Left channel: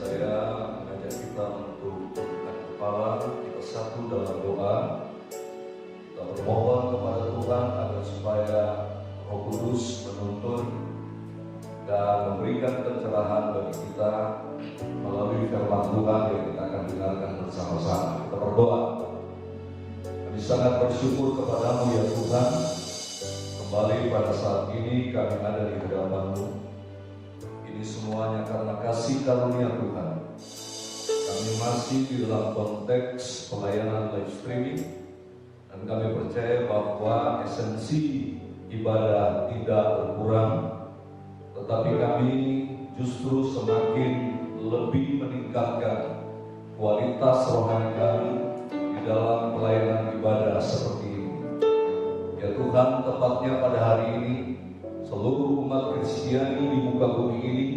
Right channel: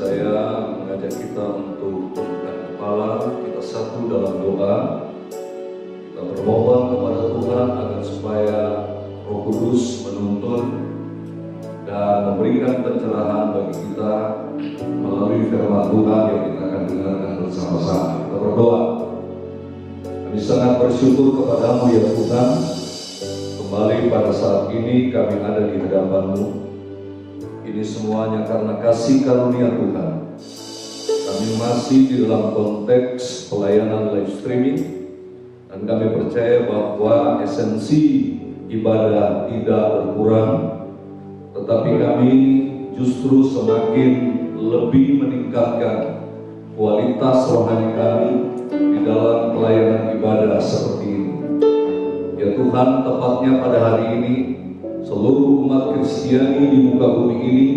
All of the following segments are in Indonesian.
Saya mengajak kita untuk tundukkan kepala, kita satu dalam doa. Kita bermohon kepada Tuhan agar supaya Roh Kudus menuntun dan memberikan pencerahan bagi kita melalui firman Tuhan yang kita akan dengarkan bersama-sama. Kita berdoa. Kami sangat bersyukur kepadamu ya Tuhan. Kembali pada saat ini kami ada di hadapan-Mu. Ini semuanya karena kasih karunia Tuhan. Kami masih di dalam konteks pelayanan live streaming, dan kami percaya bahwa esensi ibadah tidak berkurang, tetapi kami justru semakin lebih meningkatkan kualitas rohani kami di dalam pelayanan ibadah seperti ini. Ya Tuhan, tepatnya pada hari ini seluruh umat Kristiani di muka bumi ini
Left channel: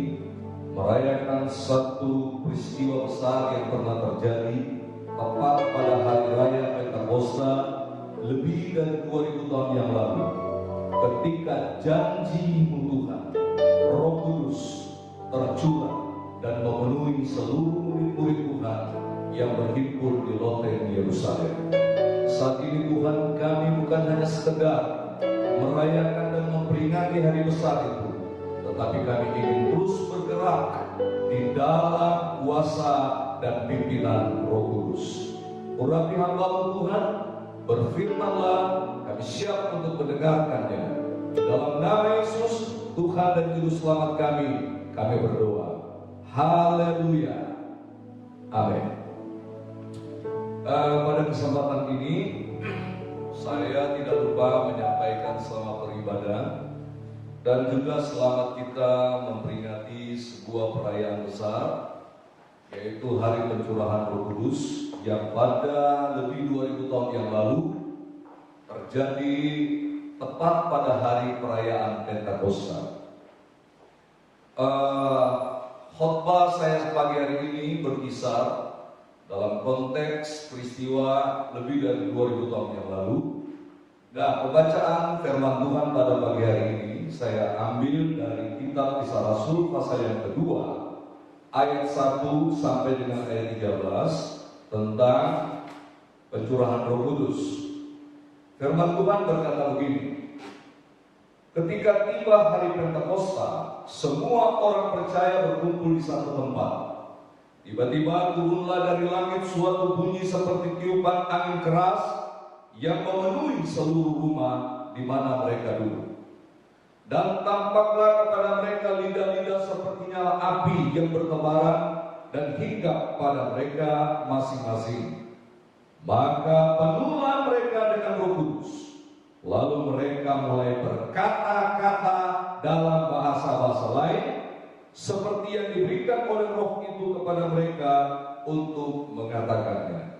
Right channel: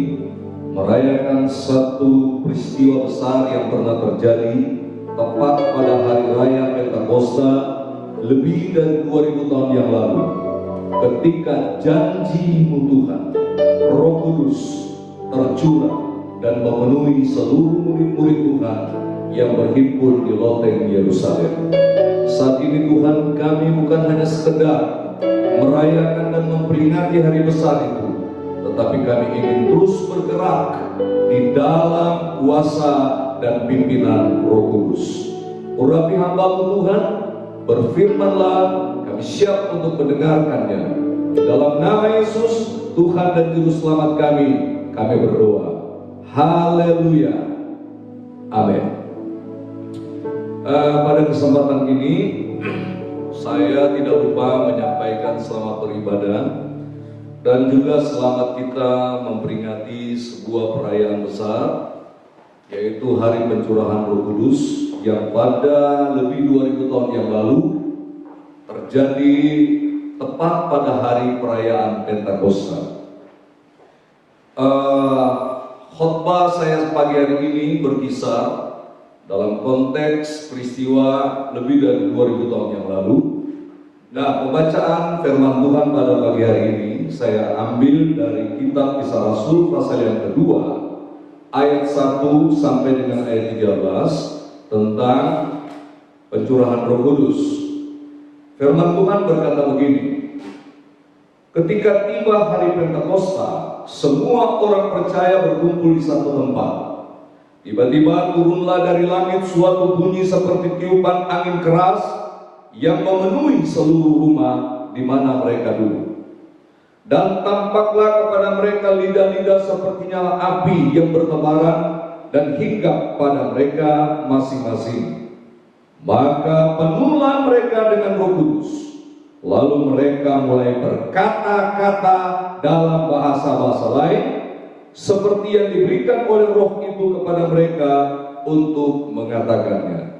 merayakan satu peristiwa besar yang pernah terjadi tepat pada hari raya Pentakosta lebih dari 2000 tahun yang lalu, ketika janji-Mu Tuhan, Roh Kudus tercurah dan memenuhi seluruh murid-murid Tuhan yang berhimpun di loteng Yerusalem. Saat ini Tuhan, kami bukan hanya sekedar merayakan dan memperingati hari besar itu, tetapi kami ingin terus bergerak di dalam kuasa dan pimpinan Roh Kudus. Urapi hamba-Mu Tuhan, berfirmanlah, kami siap untuk mendengarkannya. Di dalam nama Yesus, Tuhan dan Juru Selamat kami berdoa. Haleluya. Amin. Pada kesempatan ini, saya tidak lupa menyampaikan selamat beribadah dan juga selamat kita memperingati sebuah perayaan besar, yaitu Hari Pencurahan Roh Kudus yang pada lebih 2000 tahun yang lalu terjadi tepat pada hari perayaan Pentakosta. Khotbah saya pagi hari ini berkisar dalam konteks peristiwa lebih dari 2000 tahun yang lalu. Nah, pembacaan firman Tuhan pada pagi hari ini saya ambil dari kitab Kisah Rasul pasal yang kedua, ayat 1 sampai dengan ayat 13 tentang pencurahan Roh Kudus. Firman Tuhan berkata begini: ketika tiba hari Pentakosta, semua orang percaya berkumpul di satu tempat. Tiba-tiba turunlah dari langit suatu bunyi seperti tiupan angin keras yang memenuhi seluruh rumah di mana mereka duduk. Dan tampaklah kepada mereka lidah-lidah seperti nyala api yang bertebaran dan hinggap pada mereka masing-masing. Maka penuhlah mereka dengan Roh Kudus. Lalu mereka mulai berkata-kata dalam bahasa-bahasa lain, seperti yang diberikan oleh Roh itu kepada mereka untuk mengatakannya.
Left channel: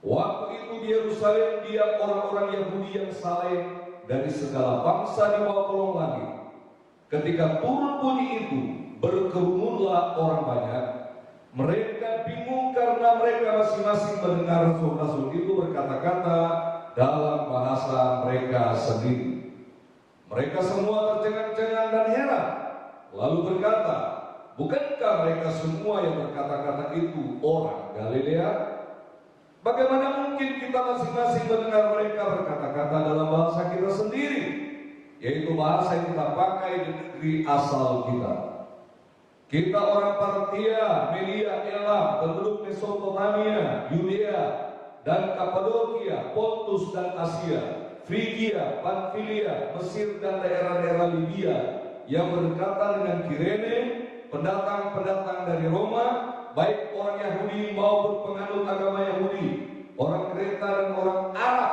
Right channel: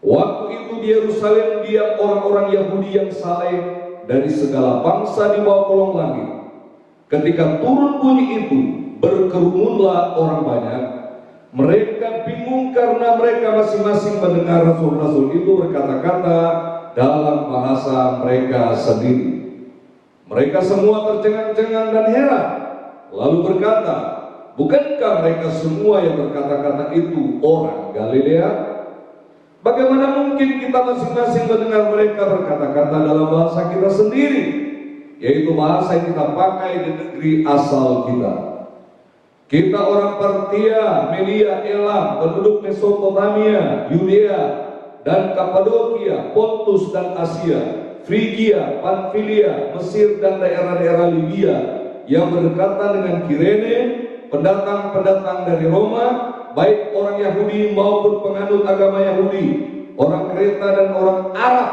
Waktu itu di Yerusalem diam orang-orang Yahudi yang saleh dari segala bangsa di bawah kolong langit. Ketika turun bunyi itu, berkerumunlah orang banyak. Mereka bingung karena mereka masing-masing mendengar rasul-rasul itu berkata-kata dalam bahasa mereka sendiri. Mereka semua tercengang-cengang dan heran, lalu berkata, bukankah mereka semua yang berkata-kata itu orang Galilea? Bagaimana mungkin kita masing-masing mendengar mereka berkata-kata dalam bahasa kita sendiri, yaitu bahasa yang kita pakai di negeri asal kita? Kita orang Partia, Media, Elam, penduduk Mesopotamia, Yudea dan Kapadokia, Pontus dan Asia, Frigia, Pamfilia, Mesir dan daerah-daerah Libya yang berdekatan dengan Kirene, pendatang-pendatang dari Roma, baik orang Yahudi maupun penganut agama Yahudi, orang Kreta dan orang Arab.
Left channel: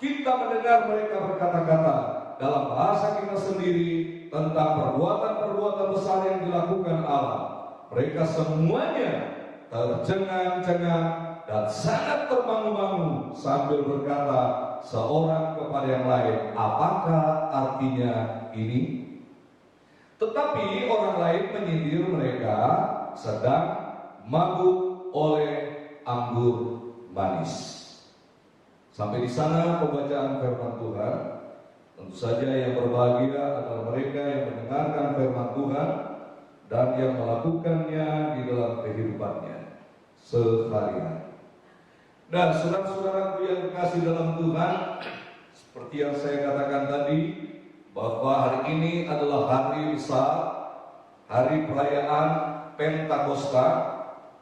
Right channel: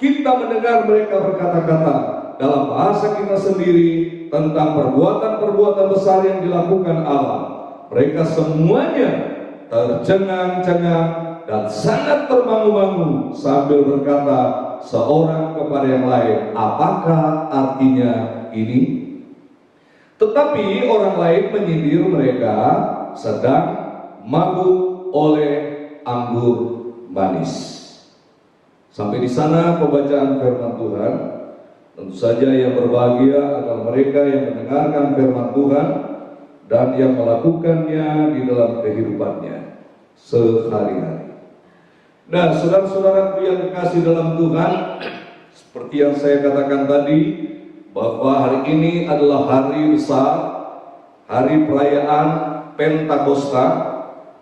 Kita mendengar mereka berkata-kata dalam bahasa kita sendiri tentang perbuatan-perbuatan besar yang dilakukan Allah. Mereka semuanya tercengang-cengang dan sangat termangu-mangu sambil berkata seorang kepada yang lain, apakah artinya ini? Tetapi orang lain menyindir mereka sedang mabuk oleh anggur manis. Sampai di sana pembacaan firman Tuhan. Tentu saja yang berbahagia adalah mereka yang mendengarkan firman Tuhan dan yang melakukannya di dalam kehidupannya sehari-hari. Nah, saudara-saudaraku yang kekasih dalam Tuhan, seperti yang saya katakan tadi, bahwa hari ini adalah hari besar, hari perayaan Pentakosta,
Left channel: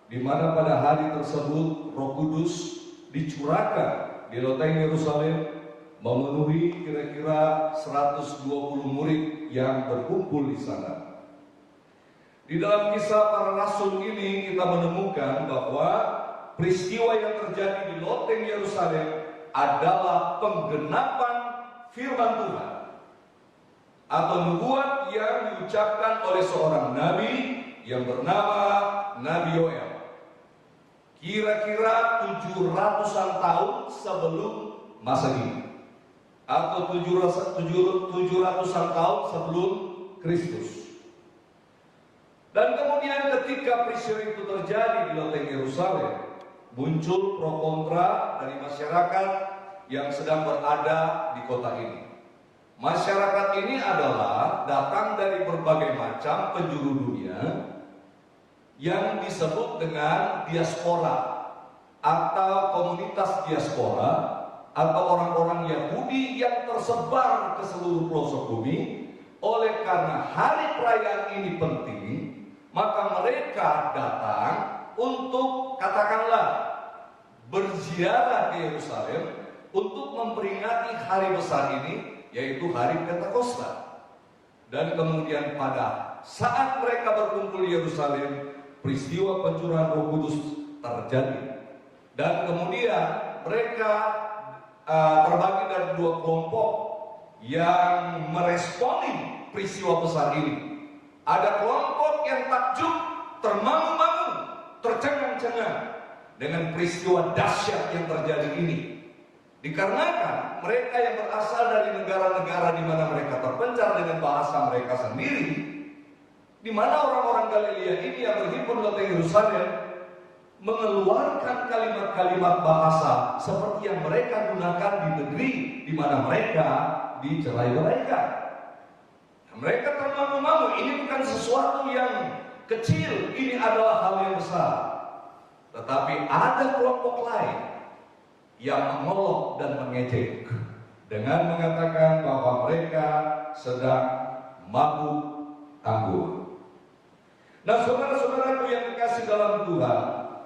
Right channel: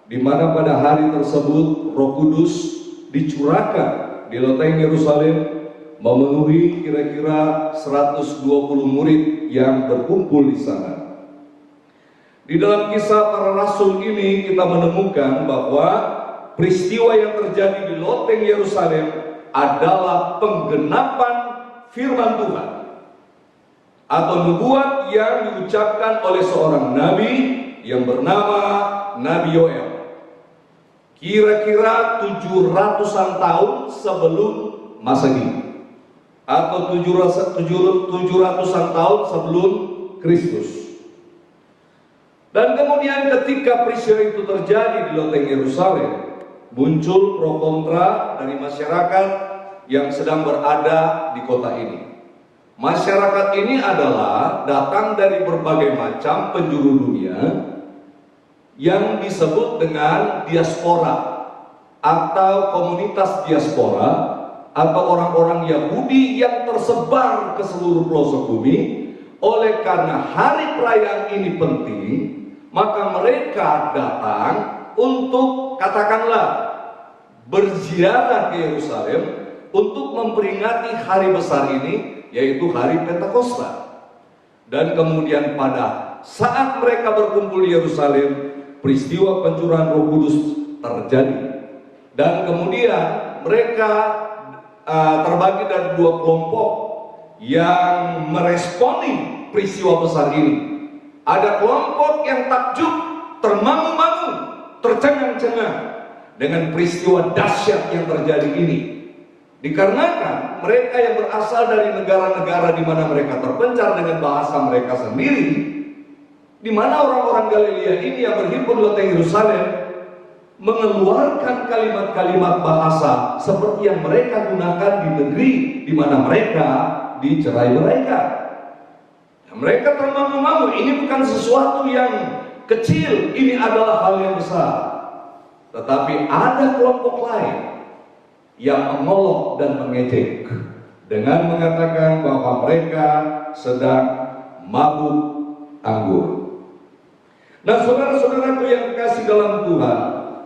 di mana pada hari tersebut Roh Kudus dicurahkan di loteng Yerusalem, memenuhi kira-kira 120 murid yang berkumpul di sana. Di dalam kisah para rasul ini kita menemukan bahwa peristiwa yang terjadi di loteng Yerusalem adalah penggenapan firman Tuhan atau nubuat yang diucapkan oleh seorang nabi yang bernama Nabi Yoel. Kira-kira 700-an tahun sebelum Masehi atau 700-an tahun sebelum Kristus. Dan kemudian ketika peristiwa itu terjadi di loteng Yerusalem, muncul pro kontra dari masyarakat yang sedang berada di kota ini. Masyarakat ini adalah datang dari berbagai macam penjuru dunia yang disebut dengan diaspora atau komunitas diaspora atau orang-orang Yahudi yang tersebar ke seluruh pelosok bumi. Oleh karena hari perayaan ini penting, maka mereka datang untuk, katakanlah, berziarah ke Yerusalem untuk memperingati hari besar ini, yaitu hari Pentakosta. Dan kemudian pada saat mereka berkumpul di Yerusalem, peristiwa pencurahan Roh Kudus terjadi. Dan kemudian mereka terbagi dari dua kelompok yang meresponi peristiwa besar ini. Ada kelompok yang takjub, termangu-mangu, tercengang-cengang dengan peristiwa dahsyat yang terjadi ini. Dikarenakan mereka yang berasal dari negara-negara di mana mereka terpencar dengan bahasa mereka sendiri, di mana orang-orang Galilea ini yang berhimpun di loteng Yerusalem mengeluarkan kalimat-kalimat bahasa seperti yang mereka gunakan di negeri di mana mereka dicerai-beraikan. Mereka termangu-mangu, ini bukan sesuatu yang kecil, ini adalah hal yang besar. Tetapi ada kelompok lain yang mengolok dan mengejek dengan mengatakan bahwa mereka sedang mabuk anggur. Nah, saudara-saudaraku yang dikasih dalam Tuhan,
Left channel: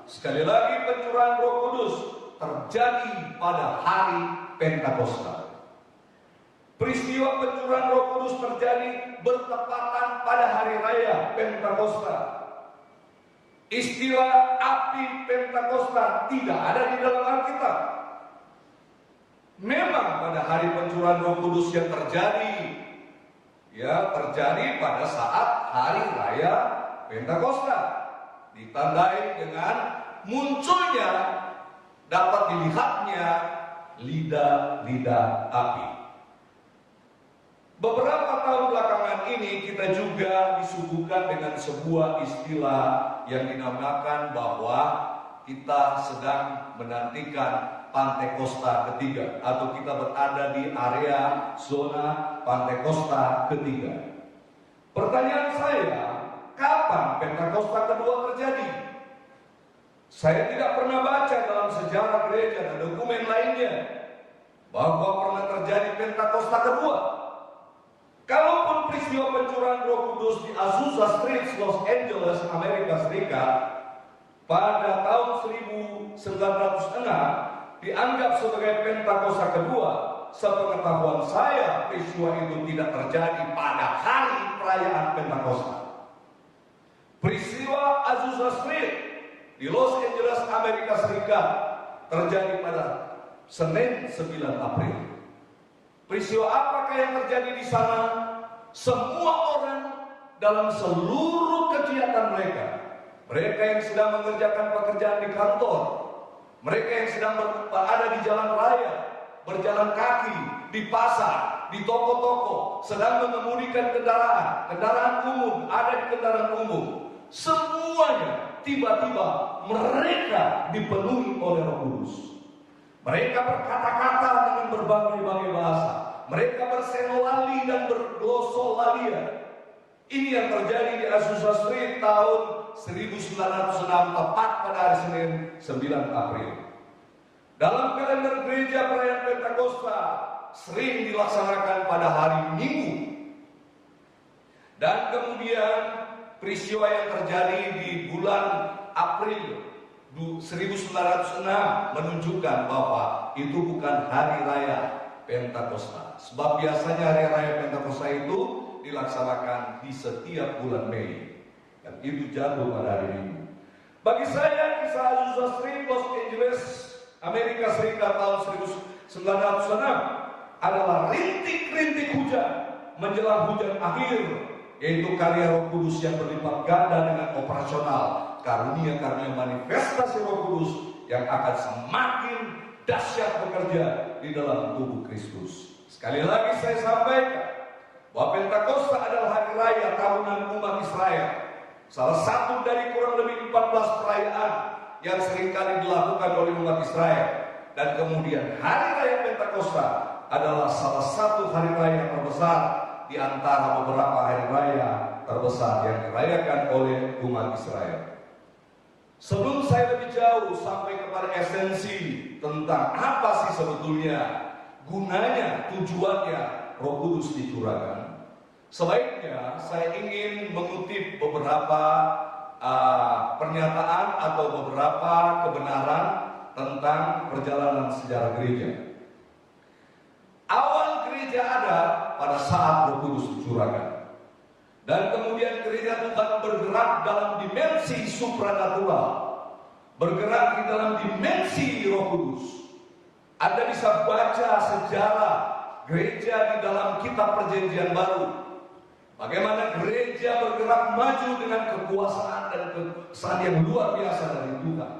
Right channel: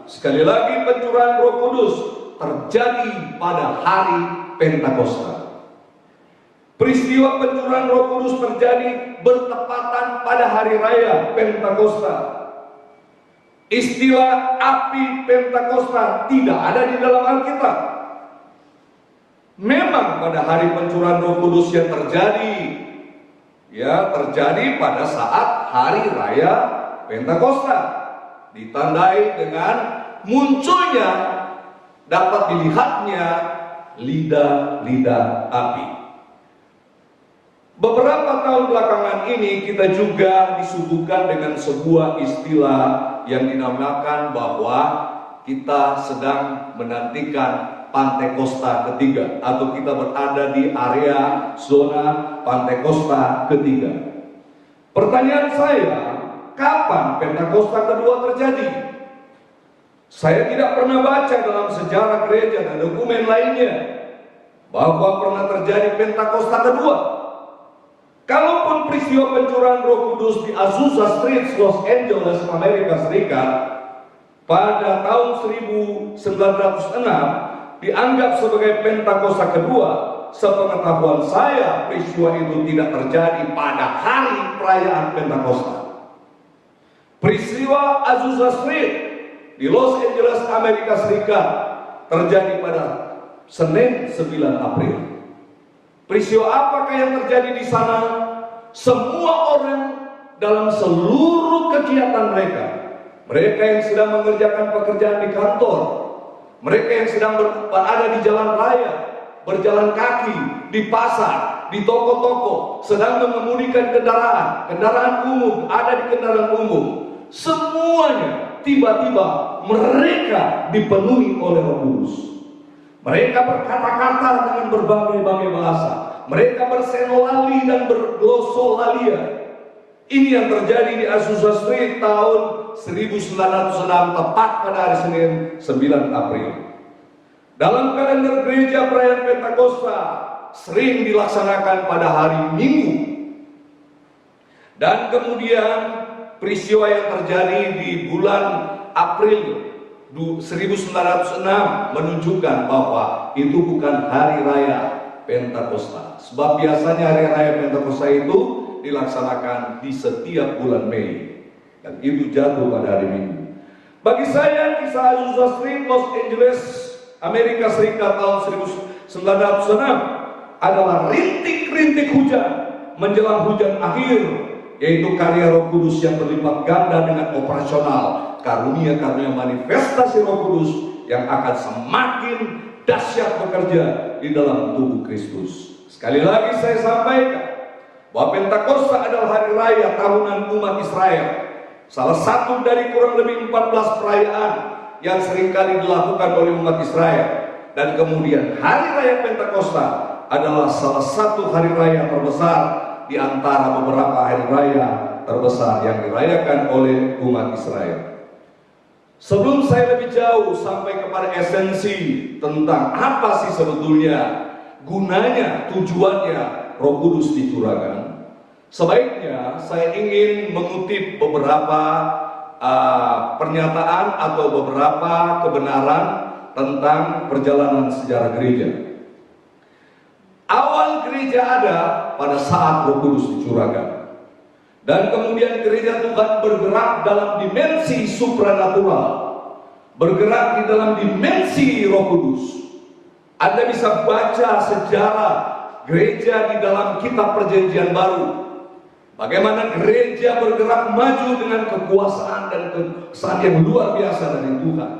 sekali lagi pencurahan Roh Kudus terjadi pada hari Pentakosta. Peristiwa pencurahan Roh Kudus terjadi bertepatan pada hari raya Pentakosta. Istilah api Pentakosta tidak ada di dalam Alkitab. Memang pada hari pencurahan Roh Kudus yang terjadi pada saat hari raya Pentakosta, ditandai dengan munculnya, dapat dilihatnya lidah-lidah api. Beberapa tahun belakangan ini kita juga disuguhkan dengan sebuah istilah yang dinamakan bahwa kita sedang menantikan Pantekosta ketiga, atau kita berada di area zona Pantekosta ketiga. Pertanyaan saya, kapan Pentakosta kedua terjadi? Saya tidak pernah baca dalam sejarah gereja dan dokumen lainnya bahwa pernah terjadi Pentakosta kedua. Kalaupun peristiwa pencurahan Roh Kudus di Azusa Street, Los Angeles, Amerika Serikat pada tahun 1906 dianggap sebagai Pentakosta kedua, sepengetahuan saya peristiwa itu tidak terjadi pada hari perayaan Pentakosta. Peristiwa Azusa Street di Los Angeles, Amerika Serikat terjadi pada Senin 9 April. Peristiwa apakah yang terjadi di sana? Semua orang dalam seluruh kegiatan mereka, mereka yang sedang mengerjakan pekerjaan di kantor, mereka yang sedang berada di jalan raya, berjalan kaki, di pasar, di toko-toko, sedang mengemudikan kendaraan umum, ada di kendaraan umum, semuanya tiba-tiba mereka dipenuhi oleh Roh Kudus. Mereka berkata-kata dengan berbagai-bagai bahasa. Mereka bersenolali dan berglosolalia. Ini yang terjadi di Azusa Street tahun 1906, tepat pada hari Senin 9 April. Dalam kalender gereja, perayaan Pentakosta sering dilaksanakan pada hari Minggu. Dan kemudian peristiwa yang terjadi di bulan April 1906 menunjukkan bahwa itu bukan hari raya Pentakosta. Sebab biasanya hari raya Pentakosta itu dilaksanakan di setiap bulan Mei, dan itu jatuh pada hari Minggu. Bagi saya, kisah Azusa Street, Los Angeles, Amerika Serikat tahun 1906 adalah rintik-rintik hujan menjelang hujan akhir, yaitu karya Roh Kudus yang berlipat ganda dengan operasional karunia-karunia manifestasi Roh Kudus yang akan semakin dahsyat bekerja di dalam tubuh Kristus. Sekali lagi saya sampaikan bahwa Pentakosta adalah hari raya tahunan umat Israel, salah satu dari kurang lebih 14 perayaan yang seringkali dilakukan oleh umat Israel. Dan kemudian hari raya Pentakosta adalah salah satu hari raya terbesar di antara beberapa hari raya terbesar yang dirayakan oleh umat Israel. Sebelum saya lebih jauh sampai kepada esensi tentang apa sih sebetulnya gunanya, tujuannya Roh Kudus dicurahkan, sebaiknya saya ingin mengutip beberapa pernyataan atau beberapa kebenaran tentang perjalanan sejarah gereja. Awal gereja ada pada saat Roh Kudus dicurahkan. Dan kemudian gereja Tuhan bergerak dalam dimensi supranatural, bergerak di dalam dimensi Roh Kudus. Anda bisa baca sejarah gereja di dalam kitab Perjanjian Baru, bagaimana gereja bergerak maju dengan kekuasaan dan kesan yang luar biasa dari Tuhan.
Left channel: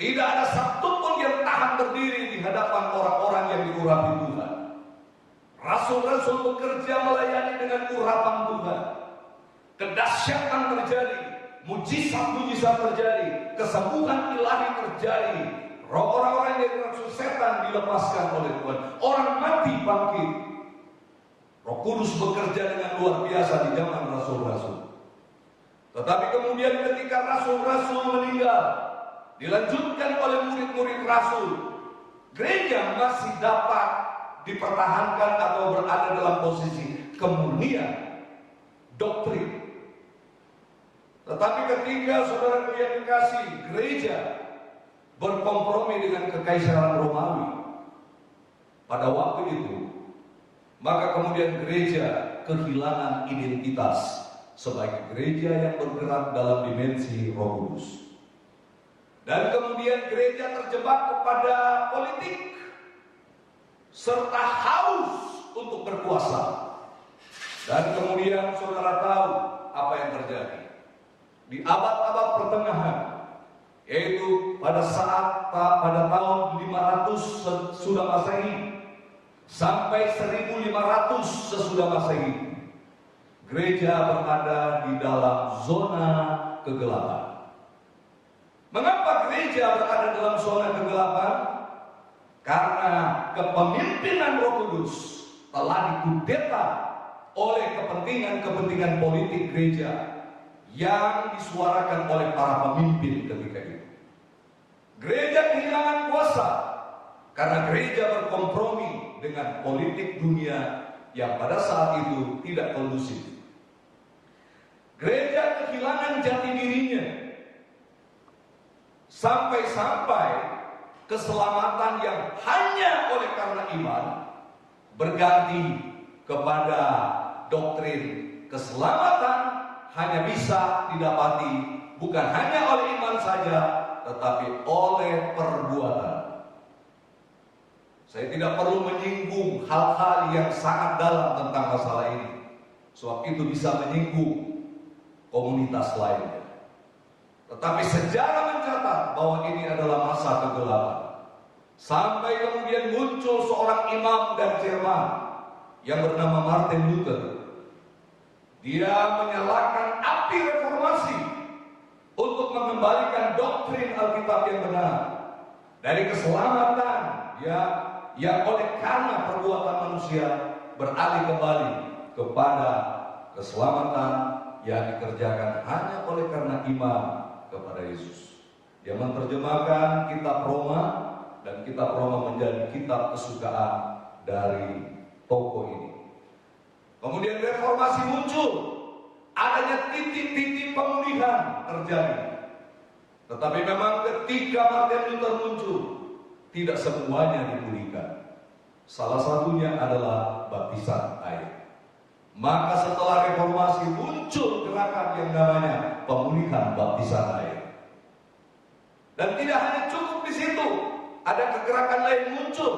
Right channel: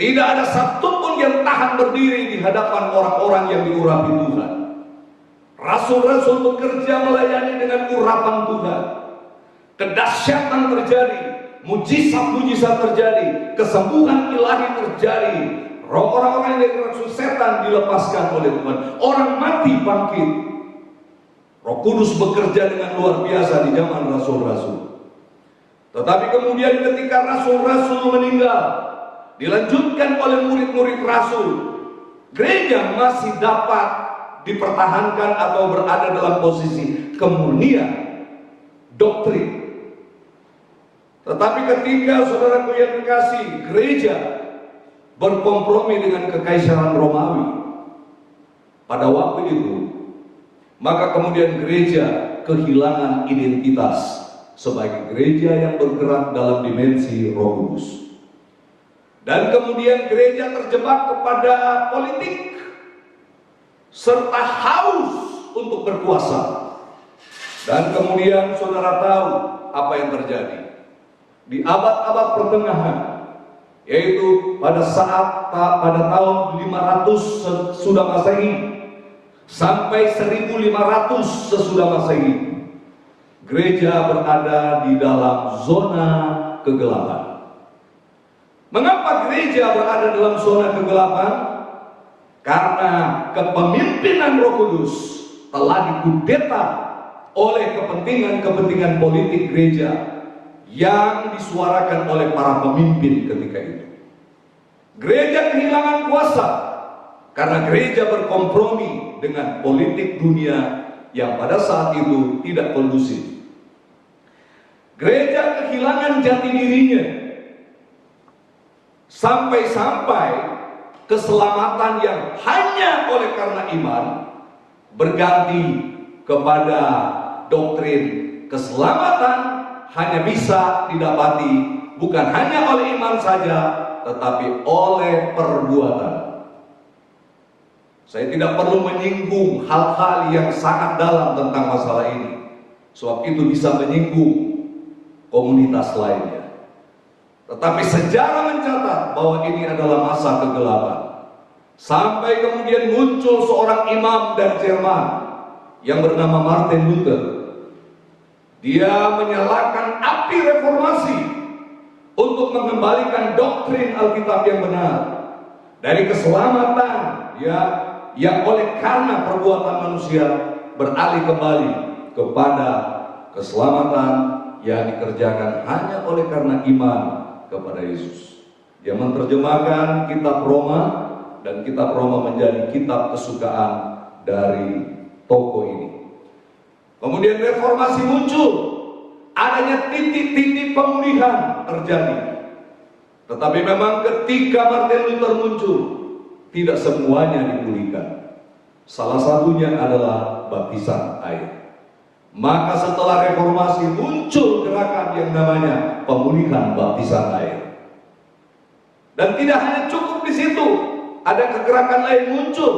Tidak ada satupun yang tahan berdiri di hadapan orang-orang yang diurapi Tuhan. Rasul-rasul bekerja melayani dengan urapan Tuhan. Kedahsyatan terjadi, mujizat-mujizat terjadi, kesembuhan ilahi terjadi. Orang-orang yang dari rasul setan dilepaskan oleh Tuhan. Orang mati bangkit. Roh Kudus bekerja dengan luar biasa di zaman rasul-rasul. Tetapi kemudian ketika rasul-rasul meninggal, dilanjutkan oleh murid-murid rasul, gereja masih dapat dipertahankan atau berada dalam posisi kemurnian doktrin. Tetapi ketika saudaraku yang dikasih, gereja berkompromi dengan kekaisaran Romawi pada waktu itu, maka kemudian gereja kehilangan identitas sebagai gereja yang bergerak dalam dimensi Roh Kudus. Dan kemudian gereja terjebak kepada politik serta haus untuk berkuasa. Dan kemudian saudara tahu apa yang terjadi di abad-abad pertengahan, yaitu pada tahun 500 sesudah Masehi sampai 1500 sesudah Masehi, gereja berada di dalam zona kegelapan. Mengapa gereja berada dalam zona kegelapan? Karena kepemimpinan Roh Kudus telah dikudeta oleh kepentingan-kepentingan politik gereja yang disuarakan oleh para pemimpin ketika itu. Gereja kehilangan kuasa karena gereja berkompromi dengan politik dunia yang pada saat itu tidak kondusif. Gereja kehilangan jati dirinya sampai-sampai keselamatan yang hanya oleh karena iman berganti kepada doktrin keselamatan hanya bisa didapati bukan hanya oleh iman saja, tetapi oleh perbuatan. Saya tidak perlu menyinggung hal-hal yang sangat dalam tentang masalah ini, sebab itu bisa menyinggung komunitas lainnya. Tetapi sejarah mencatat bahwa ini adalah masa kegelapan. Sampai kemudian muncul seorang imam dari Jerman yang bernama Martin Luther. Dia menyalakan api reformasi untuk mengembalikan doktrin Alkitab yang benar. Dari keselamatan yang oleh karena perbuatan manusia beralih kembali kepada keselamatan yang dikerjakan hanya oleh karena iman kepada Yesus. Dia menerjemahkan kitab Roma, dan kitab Roma menjadi kitab kesukaan dari toko ini. Kemudian reformasi muncul, adanya titik-titik pemulihan terjadi. Tetapi memang ketika Martin Luther muncul, tidak semuanya dipulihkan. Salah satunya adalah baptisan air. Maka setelah reformasi muncul gerakan yang namanya pemulihan baptisan air. Dan tidak hanya cukup di situ, ada kegerakan lain muncul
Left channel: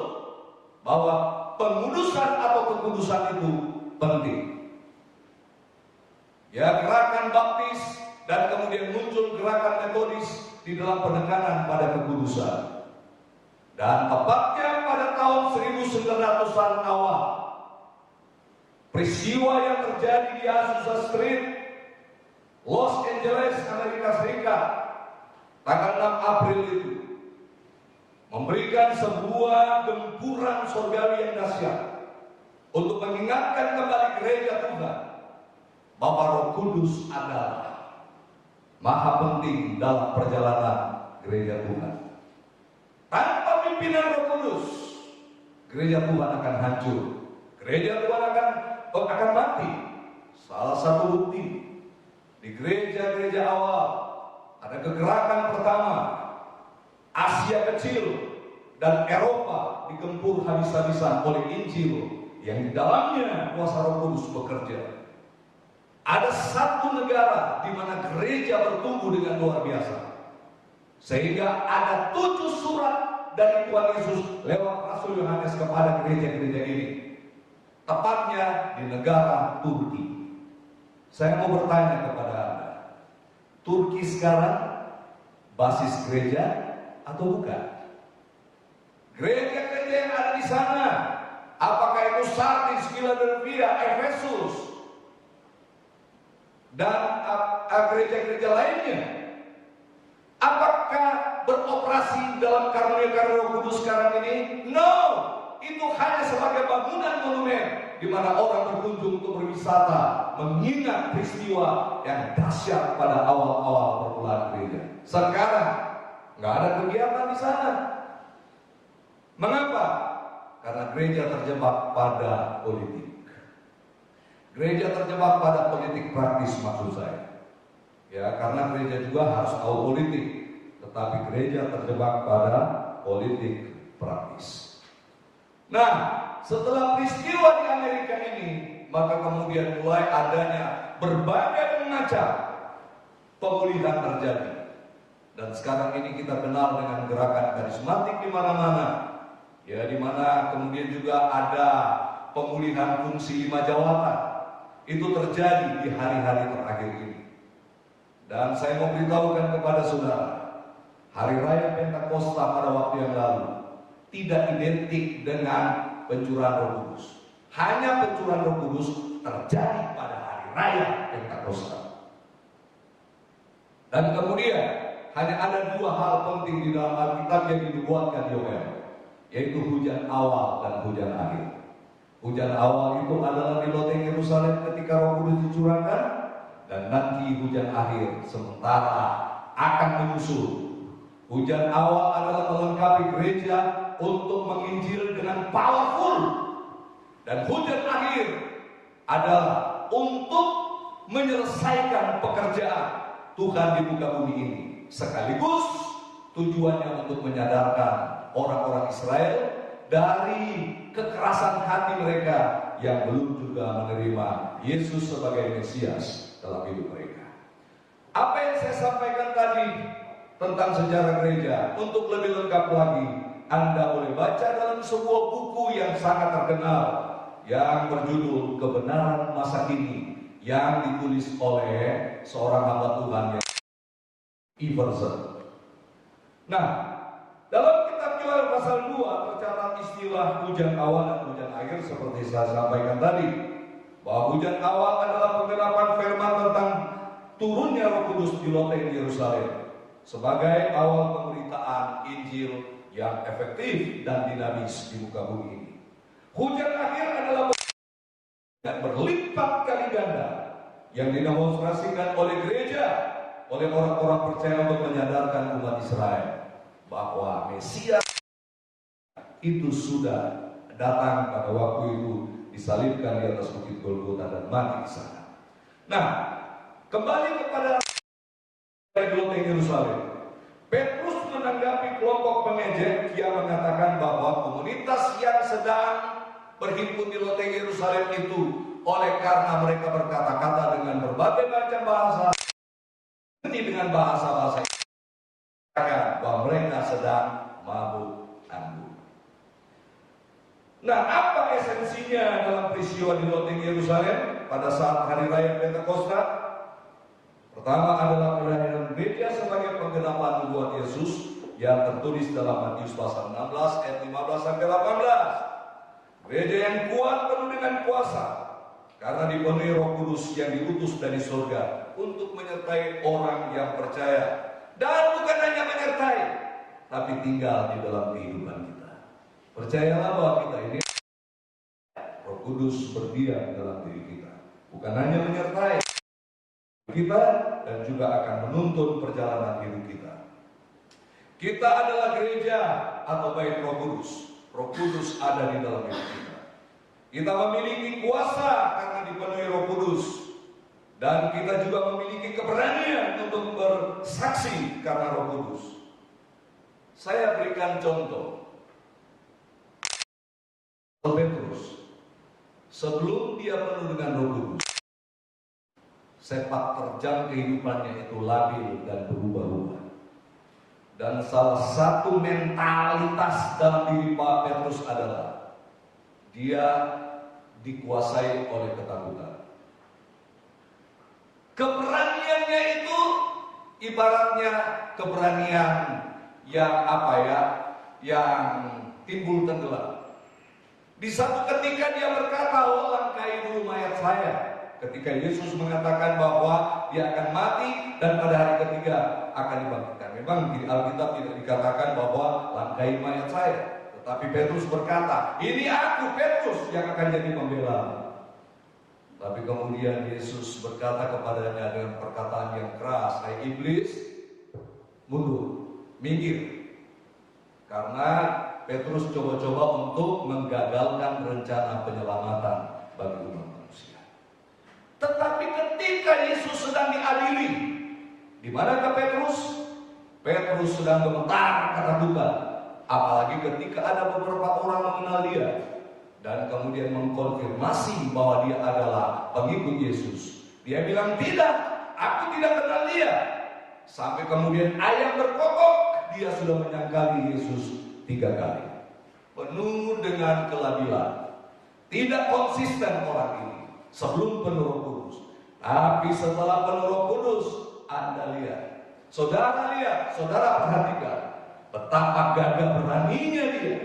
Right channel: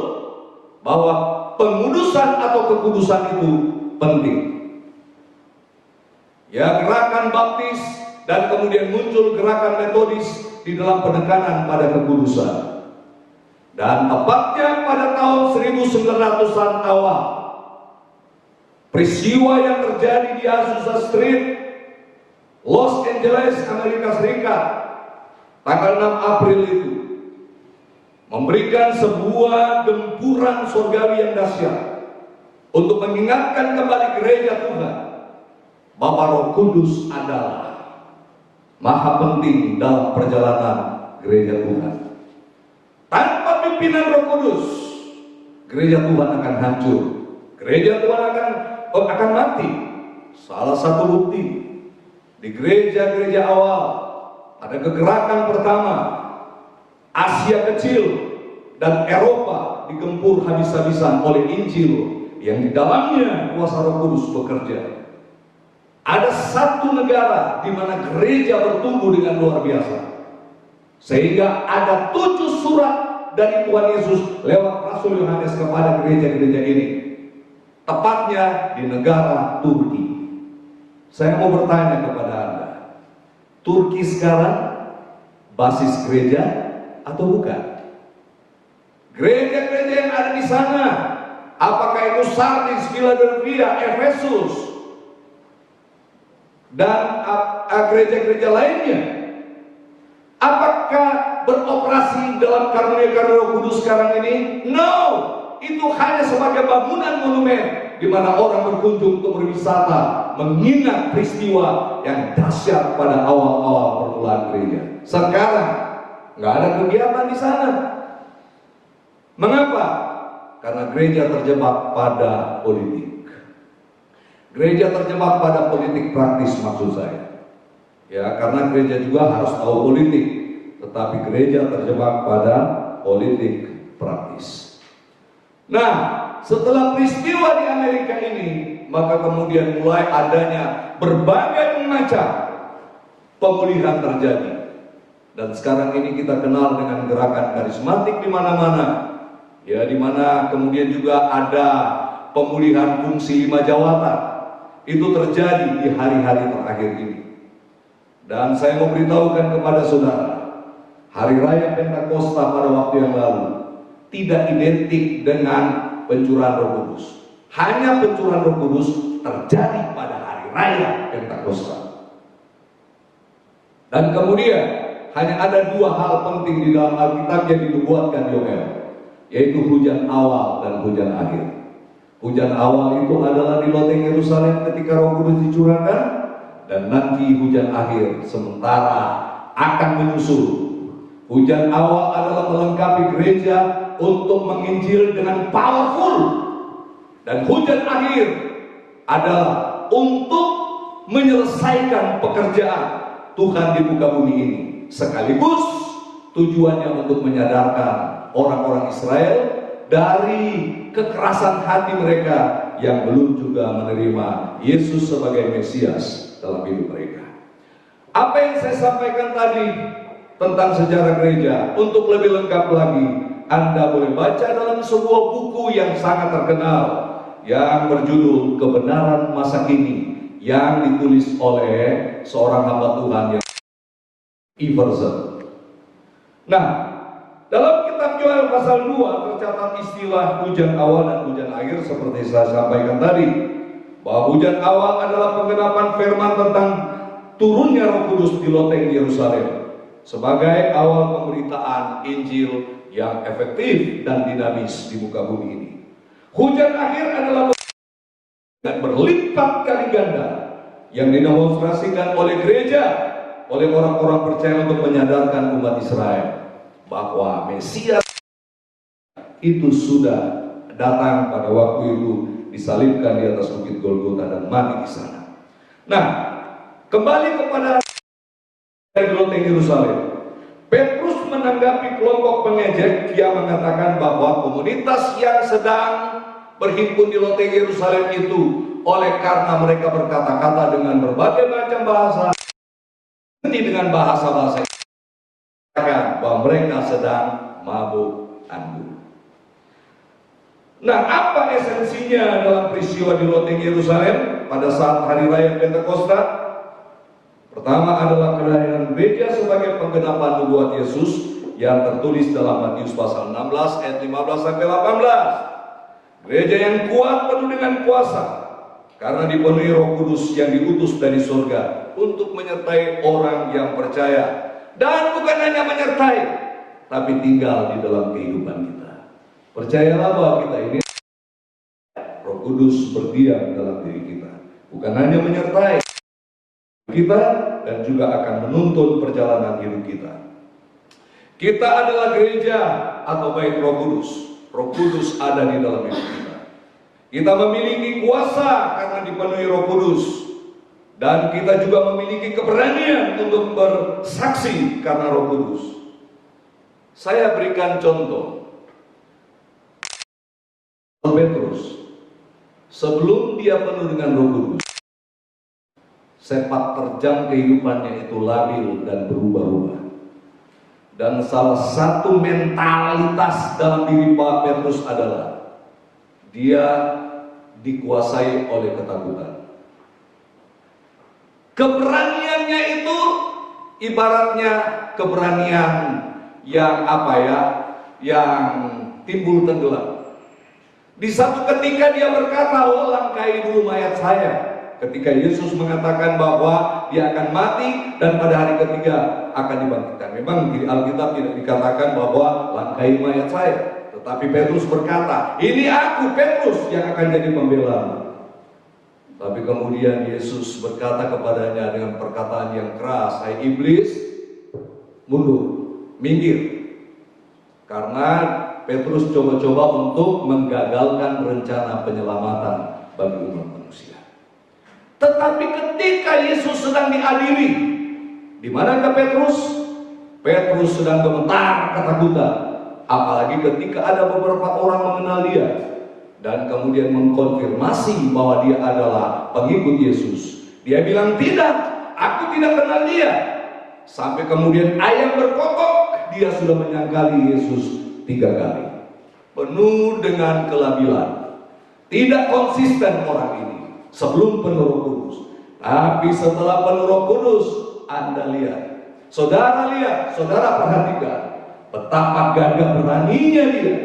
bahwa pengudusan atau kekudusan itu penting. Ya, gerakan baptis dan kemudian muncul gerakan metodis di dalam penekanan pada kekudusan. Dan tepatnya pada tahun 1900-an awal, peristiwa yang terjadi di Azusa Street, Los Angeles, Amerika Serikat, tanggal 6 April itu memberikan sebuah gempuran surgawi yang dahsyat untuk mengingatkan kembali gereja Tuhan bahwa Roh Kudus adalah maha penting dalam perjalanan gereja Tuhan. Tanpa pimpinan Roh Kudus, gereja Tuhan akan hancur. Gereja Tuhan akan mati. Salah satu bukti di gereja-gereja awal ada kegerakan pertama. Asia kecil dan Eropa digempur habis-habisan oleh Injil yang di dalamnya kuasa Roh Kudus bekerja. Ada satu negara di mana gereja bertumbuh dengan luar biasa, sehingga ada 7 surat dari Tuhan Yesus lewat Rasul Yohanes kepada gereja-gereja ini, tepatnya di negara Turki. Saya mau bertanya kepada Anda, Turki sekarang basis gereja atau bukan? Gereja-gereja yang ada di sana, apakah itu Sardis, Philadelphia, Efesus, dan gereja-gereja lainnya? Apakah beroperasi dalam karunia-karunia Roh Kudus sekarang ini? No, itu hanya sebagai bangunan monumen di mana orang berkunjung untuk berwisata, mengingat peristiwa yang dahsyat pada awal-awal permulaan gereja. Sekarang nggak ada kegiatan di sana. Mengapa? Karena gereja terjebak pada politik. Gereja terjebak pada politik praktis, maksud saya. Ya, karena gereja juga harus tahu politik, tetapi gereja terjebak pada politik praktis. Nah, setelah peristiwa di Amerika ini, maka kemudian mulai adanya berbagai macam pemulihan terjadi. Dan sekarang ini kita kenal dengan gerakan karismatik di mana-mana. Ya, di mana kemudian juga ada pemulihan fungsi 5 jawatan. Itu terjadi di hari-hari terakhir ini. Dan saya mau beritahukan kepada saudara, Hari Raya Pentakosta pada waktu yang lalu tidak identik dengan pencurahan Roh Kudus. Hanya pencurahan Roh Kudus terjadi pada Hari Raya Pentakosta. Dan kemudian hanya ada 2 hal penting di dalam Alkitab yang dinubuatkan Yoel, yaitu hujan awal dan hujan akhir. Hujan awal itu adalah di loteng Yerusalem ketika Roh Kudus dicurahkan, dan nanti hujan akhir sementara akan menyusul. Hujan awal adalah melengkapi gereja untuk menginjil dengan powerful, dan hujan akhir adalah untuk menyelesaikan pekerjaan Tuhan di muka bumi ini, sekaligus tujuannya untuk menyadarkan orang-orang Israel dari kekerasan hati mereka yang belum juga menerima Yesus sebagai Mesias dalam hidup mereka. Apa yang saya sampaikan tadi tentang sejarah gereja, untuk lebih lengkap lagi, Anda boleh baca dalam sebuah buku yang sangat terkenal yang berjudul Kebenaran Masa Kini, yang ditulis oleh seorang hamba Tuhan yang Everson. Nah, dalam kitab Yoel pasal 2 tercatat istilah hujan awal dan hujan akhir seperti saya sampaikan tadi, bahwa hujan awal adalah penggenapan firman tentang turunnya Roh Kudus di loteng Yerusalem sebagai awal pemberitaan Injil yang efektif dan dinamis di muka bumi ini. Hujan akhir adalah dan berlipat kali ganda yang didemonstrasikan oleh gereja, oleh orang-orang percaya untuk menyadarkan umat Israel bahwa Mesias itu sudah datang pada waktu itu, disalibkan di atas bukit Golgota dan mati di sana. Nah, kembali kepada di loteng Yerusalem. Petrus menanggapi kelompok pengejek yang mengatakan bahwa komunitas yang sedang berhimpun di loteng Yerusalem itu, oleh karena mereka berkata-kata dengan berbagai macam bahasa, dengan bahasa-bahasa bahwa mereka sedang mabuk anggur. Nah, apa esensinya dalam peristiwa di loteng Yerusalem pada saat hari raya Pentakosta? Pertama adalah kelahiran gereja sebagai penggenapan nubuat Yesus yang tertulis dalam Matius pasal 16 ayat 15 sampai 18. Gereja yang kuat penuh dengan kuasa karena dipenuhi Roh Kudus yang diutus dari surga untuk menyertai orang yang percaya, dan bukan hanya menyertai tapi tinggal di dalam kehidupan kita. Percayalah bahwa kita ini Roh Kudus berdiam dalam diri kita, bukan hanya menyertai kita dan juga akan menuntun perjalanan hidup kita. Kita adalah gereja atau bait Roh Kudus. Roh Kudus ada di dalam hidup kita. Kita memiliki kuasa karena dipenuhi Roh Kudus, dan kita juga memiliki keberanian untuk bersaksi karena Roh Kudus. Saya berikan contoh. Petrus, sebelum dia penuh dengan Roh Kudus, sepak terjang kehidupannya itu labil dan berubah-ubah. Dan salah satu mentalitas dalam diri Pak Petrus adalah dia dikuasai oleh ketakutan. Keberaniannya itu ibaratnya keberanian yang yang timbul tenggelam. Di satu ketika dia berkata, "Oh, langkai dulu mayat saya." Ketika Yesus mengatakan bahwa dia akan mati dan pada hari ketiga akan dibangkitkan. Memang di Alkitab tidak dikatakan bahwa langkai mayat saya, tetapi Petrus berkata, "Ini aku, Petrus, yang akan jadi pembela." Tapi kemudian Yesus berkata kepadanya dengan perkataan yang keras, "Hai iblis, mundur, minggir." Karena Petrus coba-coba untuk menggagalkan rencana penyelamatan bagi umat manusia. Tetapi ketika Yesus sedang diadili, di manakah Petrus? Petrus sedang gemetar ketakutan, apalagi ketika ada beberapa orang mengenal dia dan kemudian mengkonfirmasi bahwa dia adalah pengikut Yesus. Dia bilang, "Tidak, aku tidak kenal dia." Sampai kemudian ayam berkokok, dia sudah menyangkali Yesus 3 kali. Penuh dengan kelabilan. Tidak konsisten orang ini sebelum penuh Roh Kudus. Tapi setelah penuh Roh Kudus, Anda lihat, saudara perhatikan betapa gagah beraninya dia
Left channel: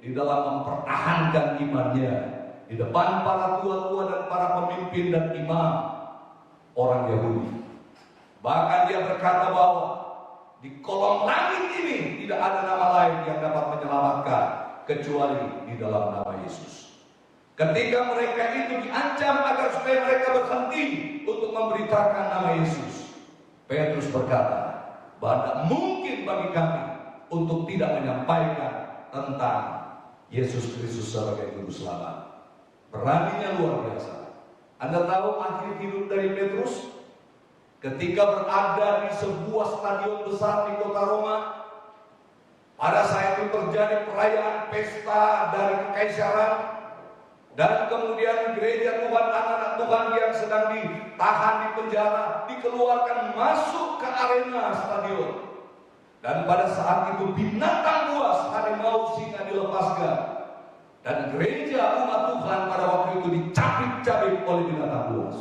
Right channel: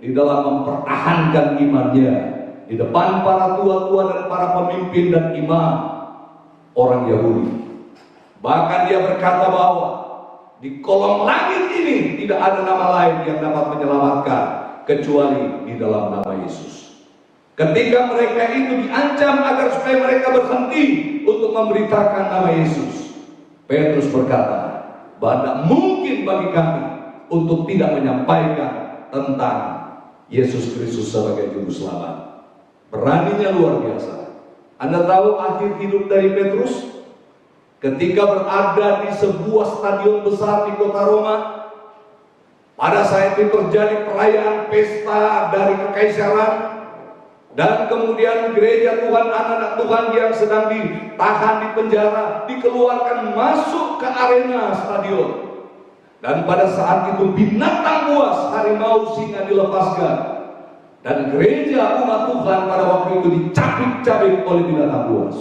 di dalam mempertahankan imannya di depan para tua-tua dan para pemimpin dan imam orang Yahudi. Bahkan dia berkata bahwa di kolong langit ini tidak ada nama lain yang dapat menyelamatkan kecuali di dalam nama Yesus. Ketika mereka itu diancam agar supaya mereka berhenti untuk memberitakan nama Yesus, Petrus berkata bahwa tidak mungkin bagi kami untuk tidak menyampaikan tentang Yesus Kristus sebagai juru selamat. Beraninya luar biasa. Anda tahu akhir hidup dari Petrus? Ketika berada di sebuah stadion besar di kota Roma, pada saat itu terjadi perayaan pesta dari kekaisaran, dan kemudian gereja Tuhan, anak-anak Tuhan yang sedang ditahan di penjara, dikeluarkan masuk ke arena stadion. Dan pada saat itu binatang buas, harimau, singa dilepaskan, dan gereja umat Tuhan pada waktu itu dicabik-cabik oleh binatang buas.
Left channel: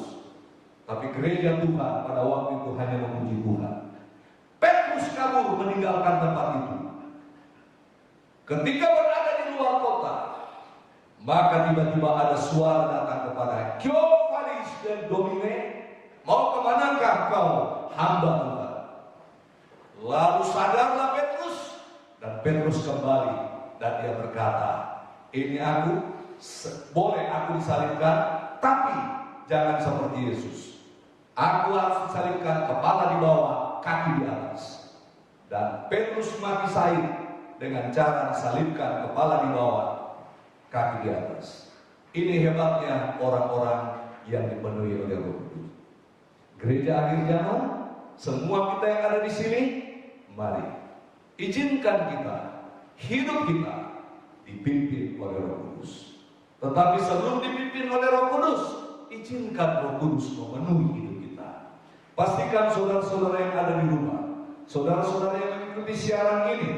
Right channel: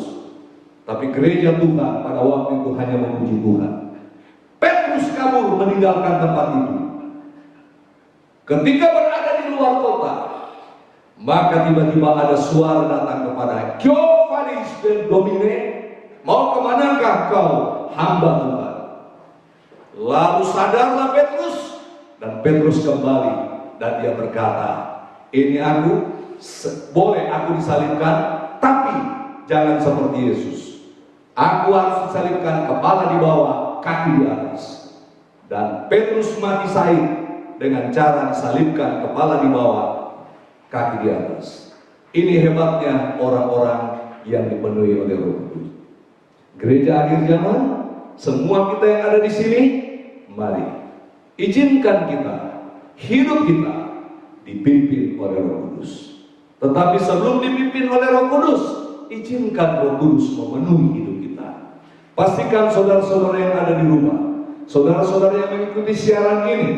Tapi gereja Tuhan pada waktu itu hanya memuji Tuhan. Petrus kabur meninggalkan tempat itu. Ketika berada di luar kota, maka tiba-tiba ada suara datang kepada Giovannis dan Domine, "Mau kemanakah kau, hamba Tuhan?" Lalu sadarlah Petrus, dan Petrus kembali dan dia berkata, "Ini aku, boleh aku disalibkan, tapi jangan seperti Yesus." Aku harus disalibkan, kepala di bawah, kaki di atas. Dan Petrus mati syahid dengan cara disalibkan, kepala di bawah, kaki di atas. Ini hebatnya orang-orang yang dipenuhi oleh Roh Kudus. Gereja akhir zaman, semua kita yang ada di sini, mari izinkan kita, hidup kita dipimpin oleh Roh Kudus. Tetapi sebelum dipimpin oleh Roh Kudus, izinkan Roh Kudus memenuhi hidup kita. Pastikan saudara-saudara yang ada di rumah, saudara-saudara yang mengikuti siaran ini,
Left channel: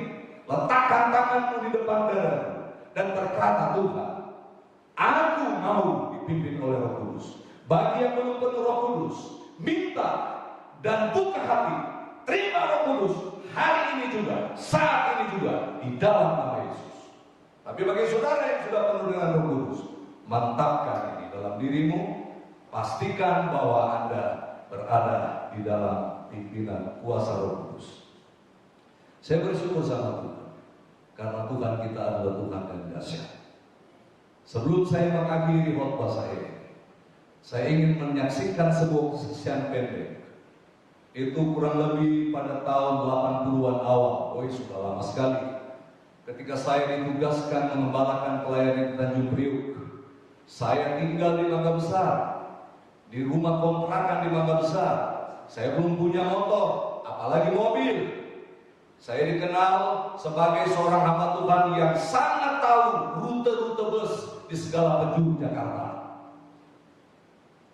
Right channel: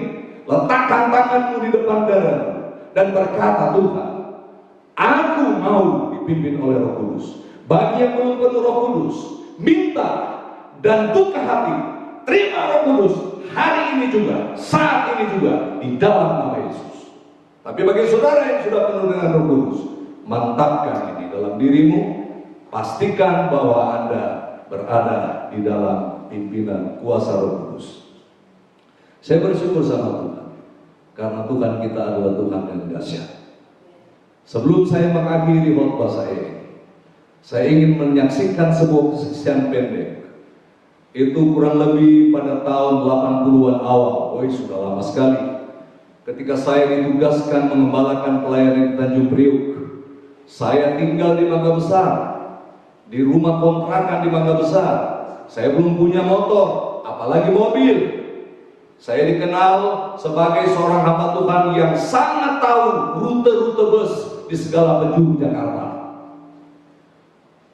letakkan tanganmu di depan dadamu dan berkata, Tuhan, aku mau dipimpin oleh Roh Kudus. Bagi yang belum penuh Roh Kudus, minta dan buka hati, terima Roh Kudus hari ini juga, saat ini juga, di dalam nama Yesus. Tapi bagi saudara yang sudah penuh dengan Roh Kudus, mantapkan ini dalam dirimu, pastikan bahwa Anda berada di dalam pimpinan kuasa Roh Kudus. Saya bersyukur sama Tuhan, karena Tuhan kita adalah Tuhan yang dahsyat. Sebelum saya mengakhiri khotbah saya ingin menyaksikan sebuah kesaksian pendek. Itu kurang lebih pada tahun 80-an awal, sudah lama sekali. Ketika saya ditugaskan mengembalakan pelayanan di Tanjung Priuk, saya tinggal di Mangga Besar, di rumah kontrakan di Mangga Besar. Saya belum punya motor, apalagi mobil. Saya dikenal sebagai seorang hamba Tuhan yang sangat tahu rute-rute bus di segala penjuru Jakarta.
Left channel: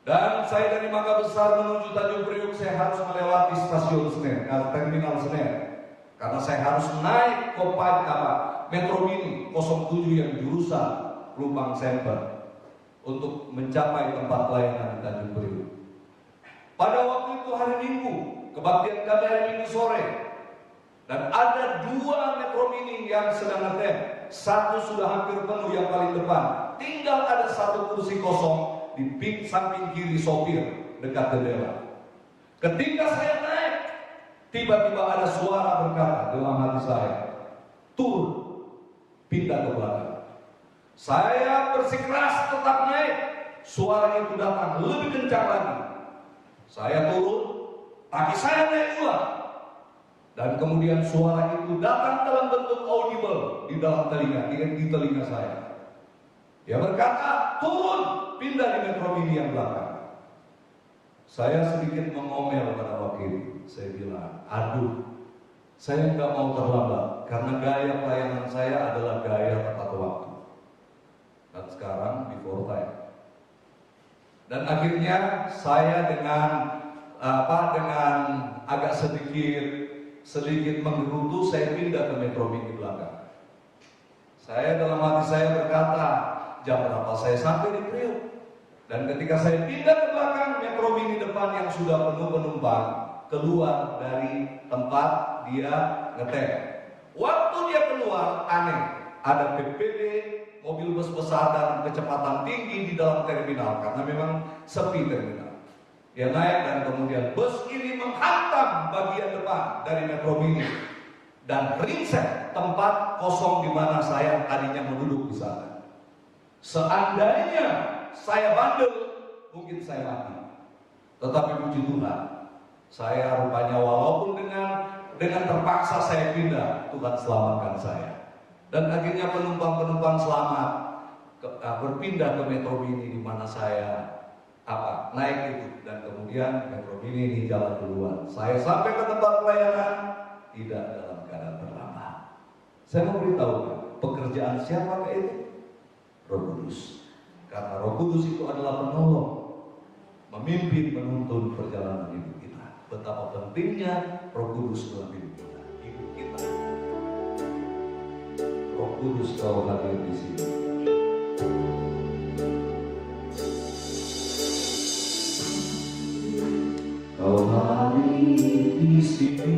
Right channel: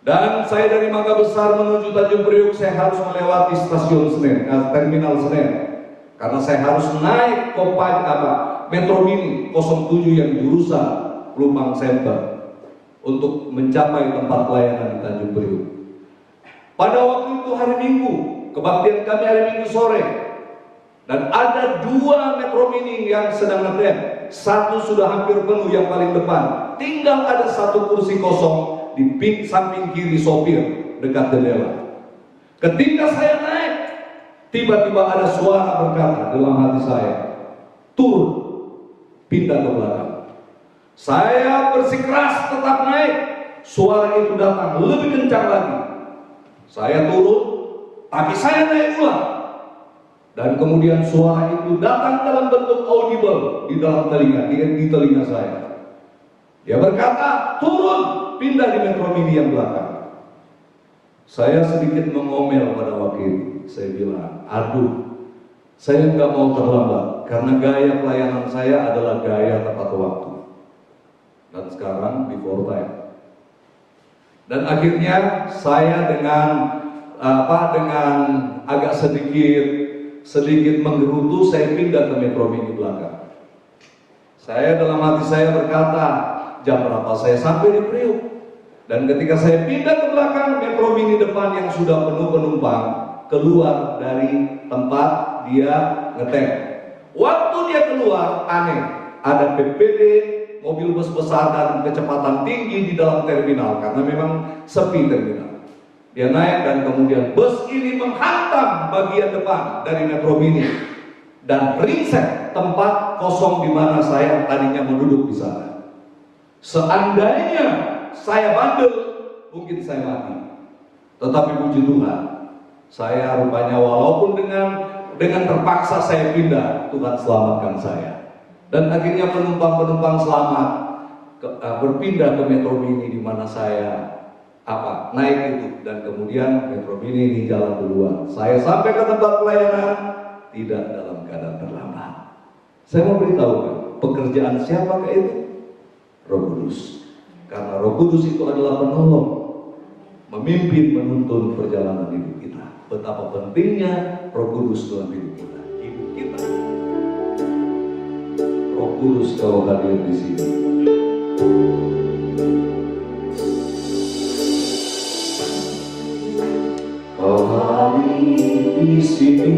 Dan saya dari Mangga Besar menuju Tanjung Priuk, saya harus melewati stasiun Senen, terminal Senen. Karena saya harus naik Metro Mini 07 yang jurusan Pelumpang Center untuk mencapai tempat pelayanan di Tanjung Priuk. Pada waktu itu hari Minggu, kebaktian kami hari Minggu sore, dan ada 2 Metro Mini yang sedang ngetem. Satu sudah hampir penuh yang paling depan, tinggal ada 1 kursi kosong di samping kiri sopir dekat jendela. Ketika saya naik, tiba-tiba ada suara berkata dalam hati saya, turun, pindah ke belakang. Saya bersikeras tetap naik. Suara itu datang lebih kencang lagi. Saya turun, tapi saya naik ulang. Dan kemudian suara itu datang dalam bentuk audible di dalam telinga, di telinga saya. Dia berkata, turun, pindah di Metro Mini yang belakang. Saya sedikit mengomel pada waktu itu. Saya bilang, aduh, saya nggak mau terlambat karena gaya pelayanan saya adalah gaya tepat waktu. Dan sekarang before time. Dan akhirnya saya dengan agak sedikit menggerutu, saya pindah ke Metro Mini belakang. Saya dalam hati saya berkata, jam berapa saya sampai di Priuk? Dan ketika saya pindah ke belakang, Metro Mini depan yang sudah penuh penumpang keluar dari tempat dia ngetem. Waktu dia keluar, aneh, ada PPD, mobil bus besar dan kecepatan tinggi di dalam terminal karena memang sepi terminal. Dia naik dan kemudian bus ini menghantam bagian depan dari Metro Mini dan ringsek tempat kosong di mana saya tadinya mau duduk di sana. Seandainya saya bandel, mungkin saya mati. Tetapi puji Tuhan, saya rupanya walaupun dengan terpaksa saya pindah, Tuhan selamatkan saya. Dan akhirnya penumpang-penumpang selamat berpindah ke Metro Mini di mana saya naik itu, dan kemudian Metro Mini ini jalan duluan. Saya sampai ke tempat pelayanan tidak dalam keadaan terlambat. Saya mau beritahukan, pekerjaan siapakah itu? Roh Kudus. Karena Roh Kudus itu adalah penolong, memimpin, menuntun perjalanan hidup kita. Betapa pentingnya Roh Kudus dalam hidup kita. Hidup kita. Roh Kudus kau hadir di sini. Kau hadir di sini,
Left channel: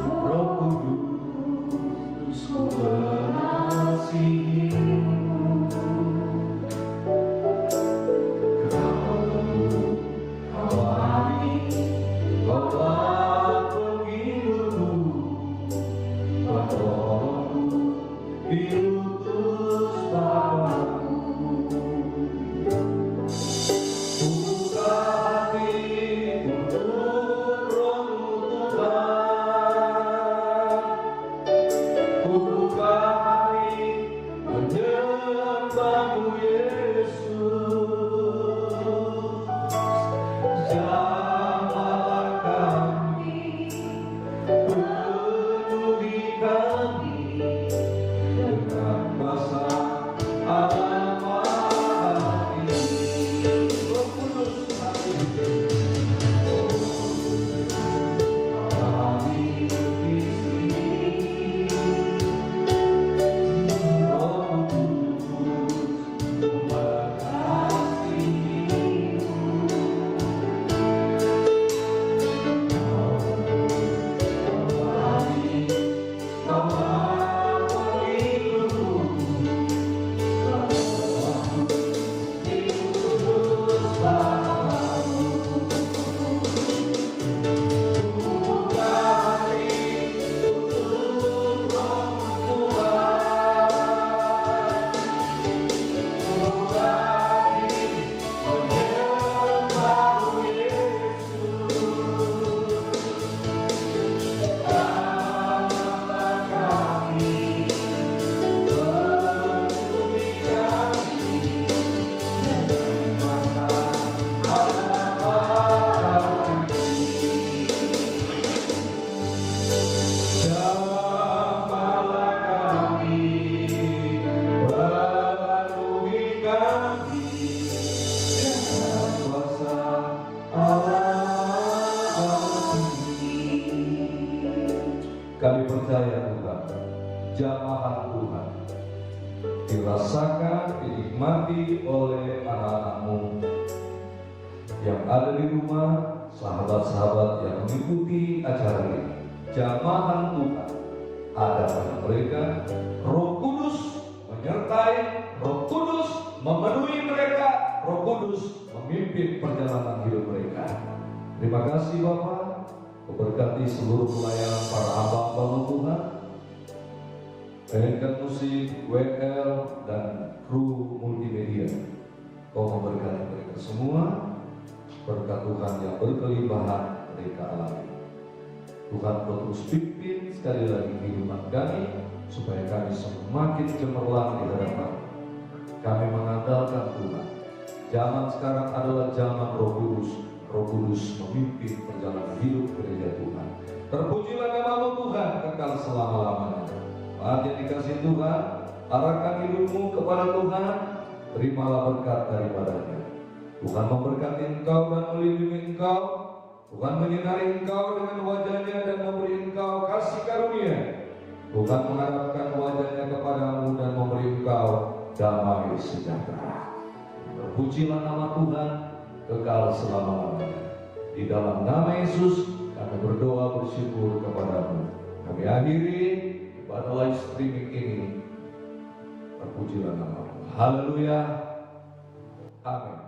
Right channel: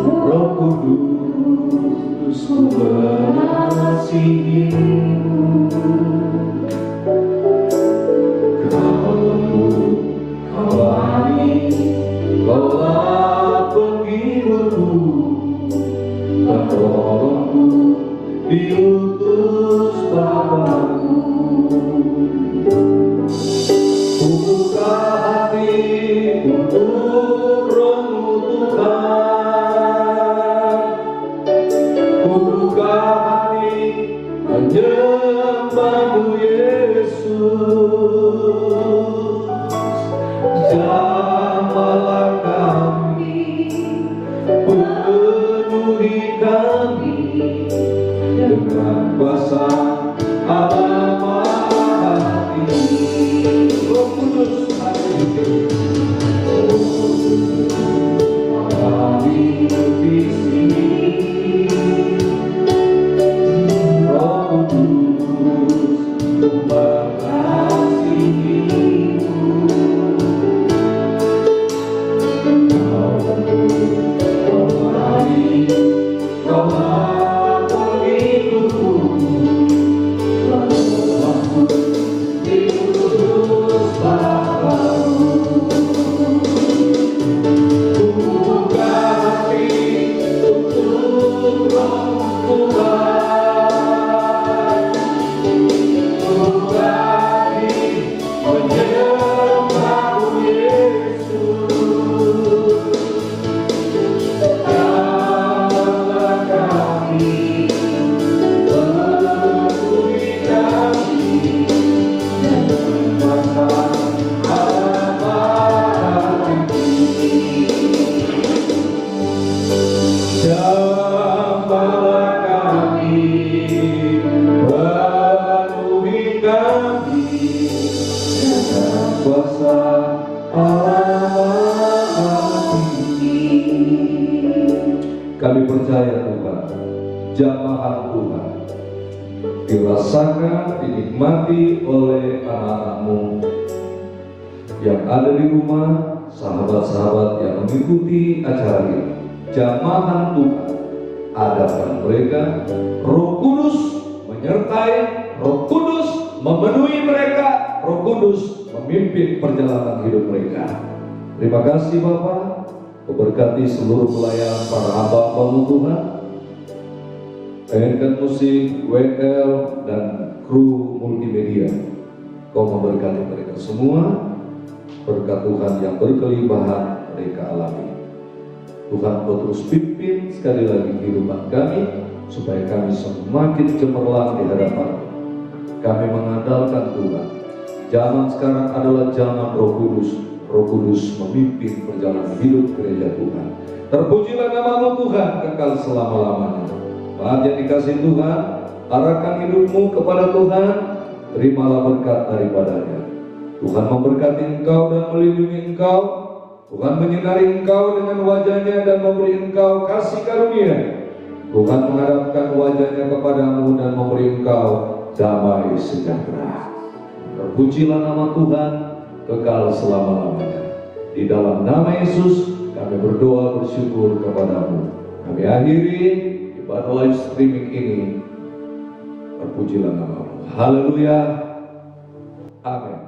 Roh Kudus mengasihimu. Kau lembut, kau manis, kaulah penghiburku, penolongku, diutus Bapakku. Kami percaya Tuhan, jamahan Tuhan dirasakan, dinikmati oleh anak-anak-Mu yang ada di rumah, sahabat-sahabat yang mengikuti acara ini. Jamahan Tuhan, adakan mereka, Roh Kudus menyertai, Roh Kudus memenuhi mereka, Roh Kudus memimpin perjalanan hidup mereka. Terima kasih Bapa, memberkati seluruh pelayan para hamba-hamba-Mu Tuhan, mainkan musik, WL, dan kru multimedia. Kau memberkati mereka semua, berkat Tuhan yang berkelimpahan mereka alami. Tuhan Kau terus pimpin sekali lagi kehidupan kami, supaya kami semakin cemerlang di hadapan. Kami mengandalkan Tuhan. Zaman sekarang adalah zaman Roh Kudus. Roh Kudus memimpin perjalanan hidup gereja Tuhan. Terpujilah nama-Mu Tuhan kekal selama-lamanya. Saat yang dikasihi Tuhan, arahkan hidupmu kepada Tuhan, terimalah berkat daripadanya. Tuhan memberkati engkau dan melindungi engkau. Tuhan menyinari engkau dengan wajahnya dan memberi engkau kasih karunia. Tuhan menghadapkan wajahnya kepadamu dan memberi engkau damai sejahtera. Terpujilah nama Tuhan kekal selama-lamanya. Di dalam nama Yesus kami berdoa bersyukur kepadamu. Kami akhiri ibadah live streaming ini. Terpujilah nama-Mu. Haleluya. Amin.